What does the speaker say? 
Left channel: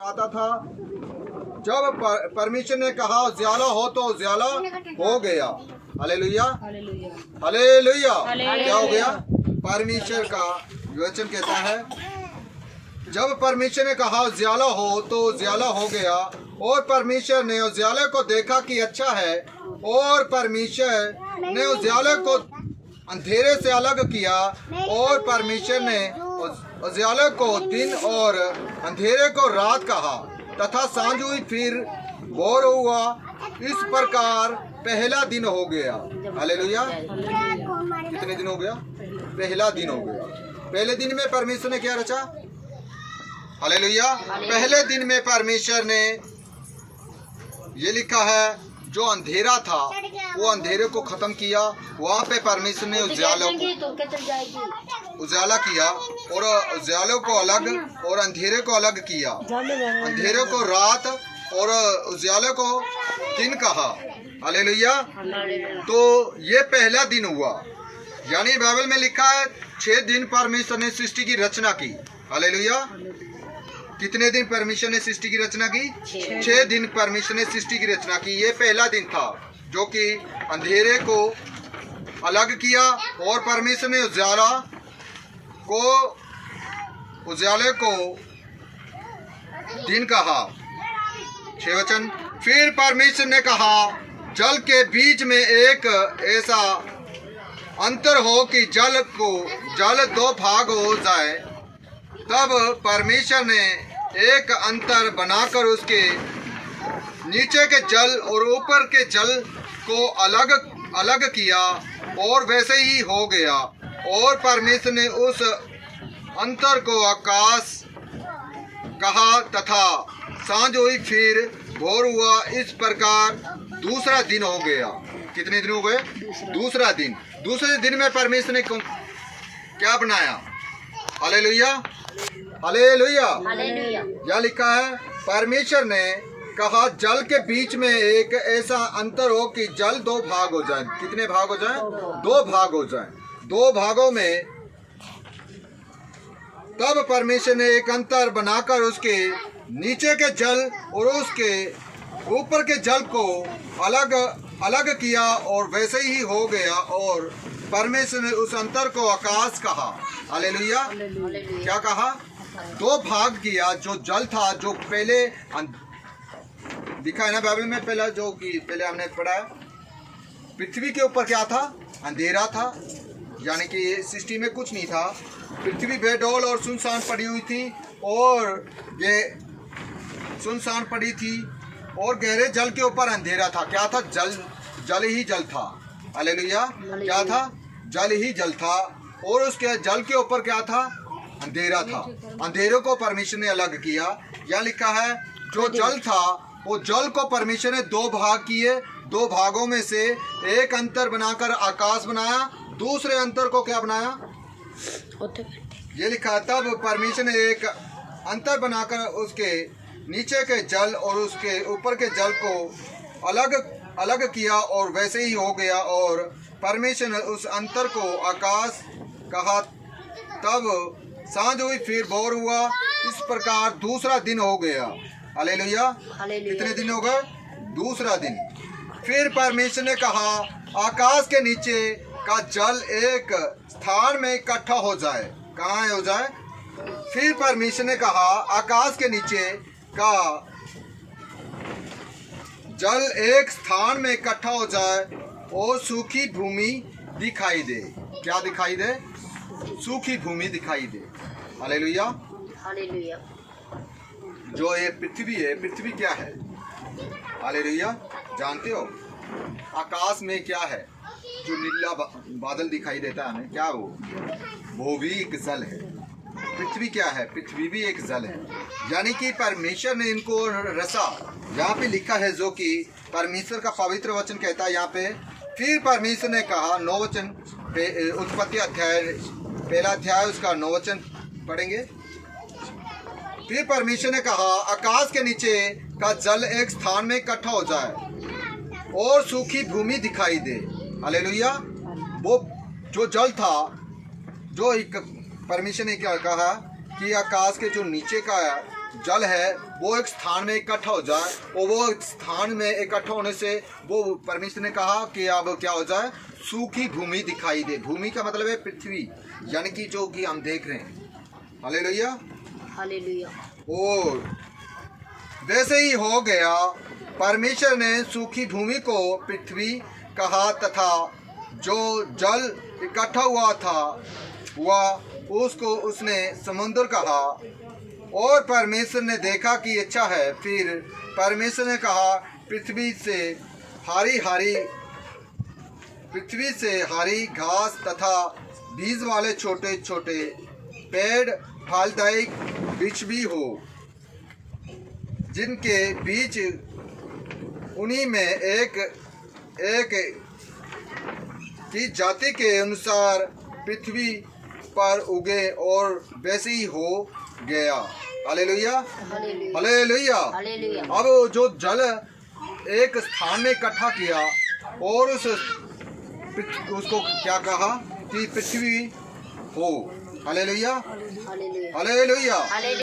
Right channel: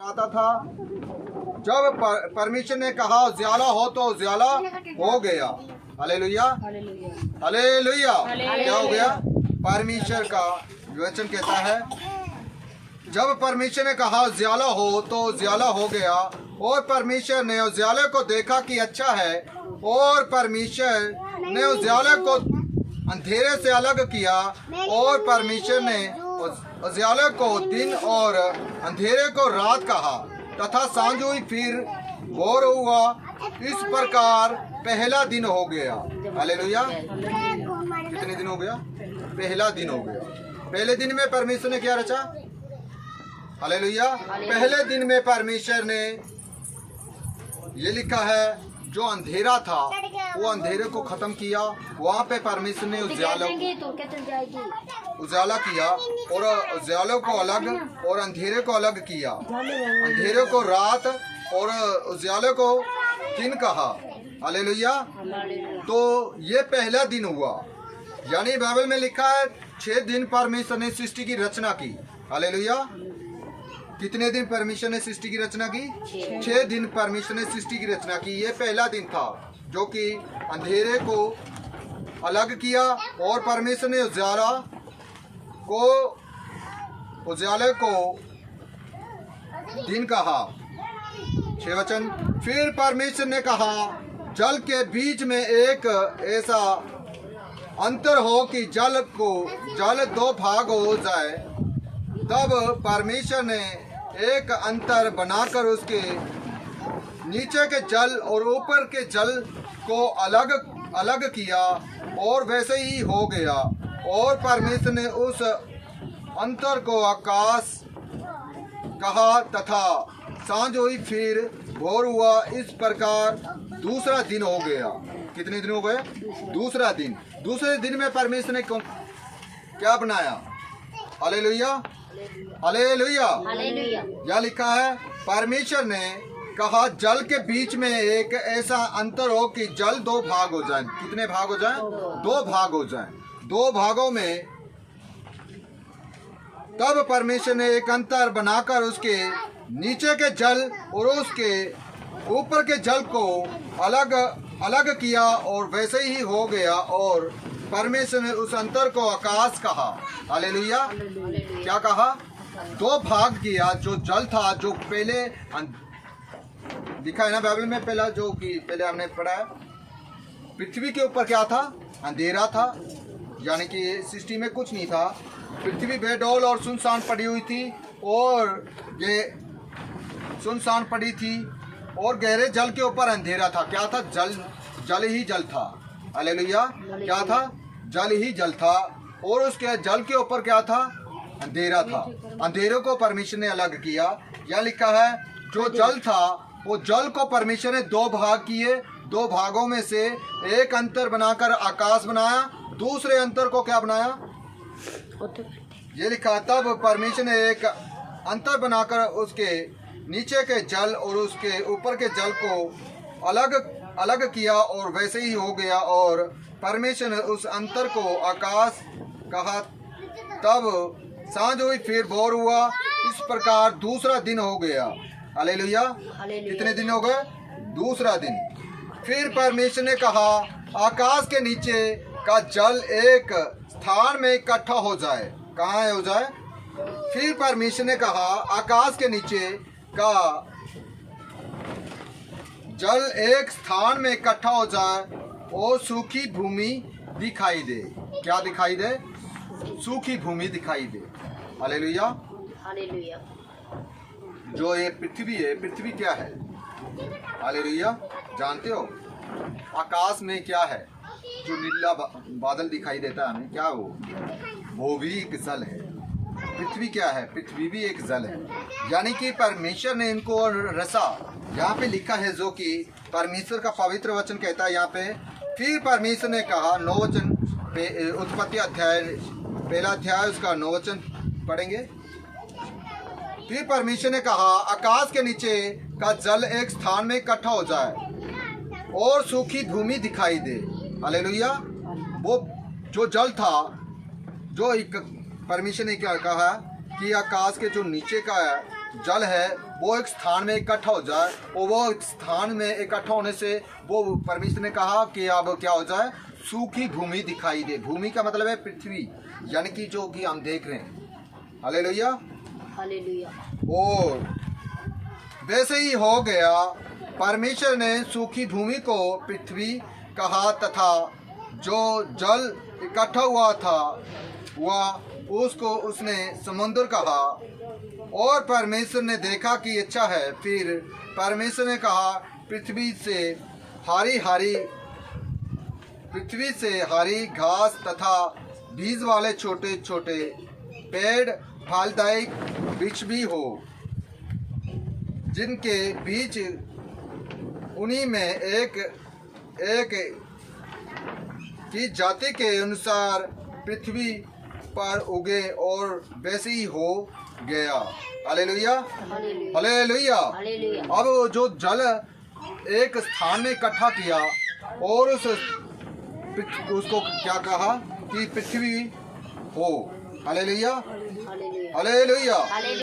आता था। जब परमेश्वर ने कहा उजाला हो तो उजाला हो गया। Hallelujah hallelujah. क्या हो गया? परमेश्वर का वचन कहता है जब परमेश्वर ने कहा उजाला हो तो उजाला हो गया। और परमेश्वर ने उजाले को देखा कि अच्छा है। और परमेश्वर ने उजाले को अंधेरे से अलग किया। और परमेश्वर ने उजाले को दिन और अंधेरे को रात कहा तथा सांझ हुई फिर भोर हुआ। इस प्रकार पहला दिन हो गया। हालेलुया। कितने दिन हो गया? पहला दिन हो गया। पहले दिन में परमेश्वर ने क्या रचा? हालेलुया। पहले दिन में परमेश्वर ने ये लिखा है जो अंधेरा था वो अंधेरे को खत्म किया। वहाँ पे परमेश्वर ने उजाला किया और उजाले को अलग और अंधेरे को अलग किया। अंधेरे को रात और उजाले को दिन कहा। हालेलुया। तो ये पहला दिन हुआ। यानी बाइबल में लिखा है 6 दिन परमेश्वर ने सृष्टि की रचना की। हालेलुया। कितने दिन परमेश्वर ने सृष्टि की रचना की? 6 दिन परमेश्वर ने सृष्टि की रचना की। ये पहला दिन था जो कि अंधेरे को अलग किया और परमेश्वर ने उजाले को दिन कहा। 6 वचन। फिर परमेश्वर ने कहा जल के बीच में एक ऐसा अंतर हो कि जल 2 भाग हो जाए। तब परमेश्वर ने एक अंतर बनाकर उसके नीचे के जल और ऊपर के जल को अलग किया और वैसे ही हो गया। और परमेश्वर ने उस अंतर को आकाश कहा तथा सांझ हुई फिर भोर हुआ। इस प्रकार दूसरा दिन हो गया। कितने दिन हो गए? दूसरा दिन। दूसरे दिन में परमेश्वर ने क्या बनाया? Hallelujah hallelujah. यह लिखा है परमेश्वर ने कहा जल के बीच में एक ऐसा अंतर हो कि जल 2 भाग हो जाए। कितने भाग हो जाए? 2 भाग हो जाए। 2 भागों में तब परमेश्वर ने एक अंतर बनाकर उसके नीचे के जल और उसके ऊपर के जल को अलग किया और वैसे ही हो गया। और परमेश्वर ने उस अंतर को आकाश कहा। हालेलुया। क्या कहा? 2 भाग किया। जो जल था जो पहले दिखा है ना बाइबल में, पहले हमने पढ़ा है पृथ्वी के ऊपर क्या था? अंधेरा था। यानी कि सृष्टि में कुछ नहीं था। पृथ्वी बेडौल और सुनसान पड़ी हुई थी और ये सुनसान पड़ी थी और गहरे जल के ऊपर अंधेरा था। क्या था? जल ही जल था। हालेलुया। क्या था? जल ही जल था। और उसके जल के ऊपर क्या था? अंधेरा था। अंधेरे को परमेश्वर ने अलग किया। यह लिखा है जो जल था वो जल को परमेश्वर ने 2 भाग किए। 2 भागों में से एक अंतर बनाकर आकाश बनाया। दूसरे अंतर को क्या बनाया? ये लिखा तब परमेश्वर ने एक अंतर बनाकर उसके नीचे के जल और उसके ऊपर के जल को अलग किया और वैसे ही हो गया। और परमेश्वर ने उस अंतर को आकाश कहा। तब सांझ हुई फिर भोर हुआ। इस प्रकार दूसरा दिन हो गया। हालेलुया। कितने दिन हो गए? दूसरा दिन। फिर परमेश्वर ने कहा आकाश के नीचे का जल एक स्थान में इकट्ठा हो जाए। कहाँ हो जाए? फिर परमेश्वर ने कहा आकाश के नीचे का जल एक स्थान में इकट्ठा हो जाए और सूखी भूमि दिखाई दे। क्या दिखाई दे? सूखी भूमि दिखाई दे। Hallelujah hallelujah. जो ये पृथ्वी है, पृथ्वी क्या है? हालेलुया। जानते हो आकाश में क्या है? जो नीला बादल दिखाई देता है हमें, क्या वो भी एक जल है। पृथ्वी क्या है? पृथ्वी भी एक जल है। यानी कि परमेश्वर ने इनको रचा। यहाँ पे लिखा है जो कि परमेश्वर का पवित्र वचन कहता है यहाँ पे। फिर परमेश्वर ने कहा 9 वचन पे उत्पत्ति अध्याय 1 अध्याय उसका 9 वचन पढ़ेंगे। फिर परमेश्वर ने कहा आकाश के नीचे का जल एक स्थान में इकट्ठा हो जाए और सूखी भूमि दिखाई दे। हालेलुया। वो जो जल था जो परमेश्वर ने क्या कहा कि आकाश के जो नीचे का जल है वो एक स्थान में इकट्ठा हो जाए, और वो स्थान में इकट्ठा होने से वो परमेश्वर ने कहा कि अब क्या हो जाए, सूखी भूमि दिखाई दे। भूमि का मतलब है पृथ्वी, यानी कि जो कि हम देख रहे हैं। Hallelujah, hallelujah. और वैसे ही हो गया। परमेश्वर ने सूखी भूमि को पृथ्वी कहा तथा जो जल इकट्ठा हुआ था वह उसको उसने समुद्र कहा। और परमेश्वर ने देखा कि अच्छा है। फिर परमेश्वर ने कहा, पृथ्वी से हरी घास तथा बीज वाले छोटे छोटे पेड़ फलदायी वृक्ष भी हो, जिनके बीज उन्हीं में एक की जाति के अनुसार पृथ्वी पर उगे, और वैसे ही हो गया। Hallelujah, hallelujah. अब जो जल एक स्थान में इकट्ठा किया और उसको क्या कहा कि पृथ्वी हो। Hallelujah, hallelujah.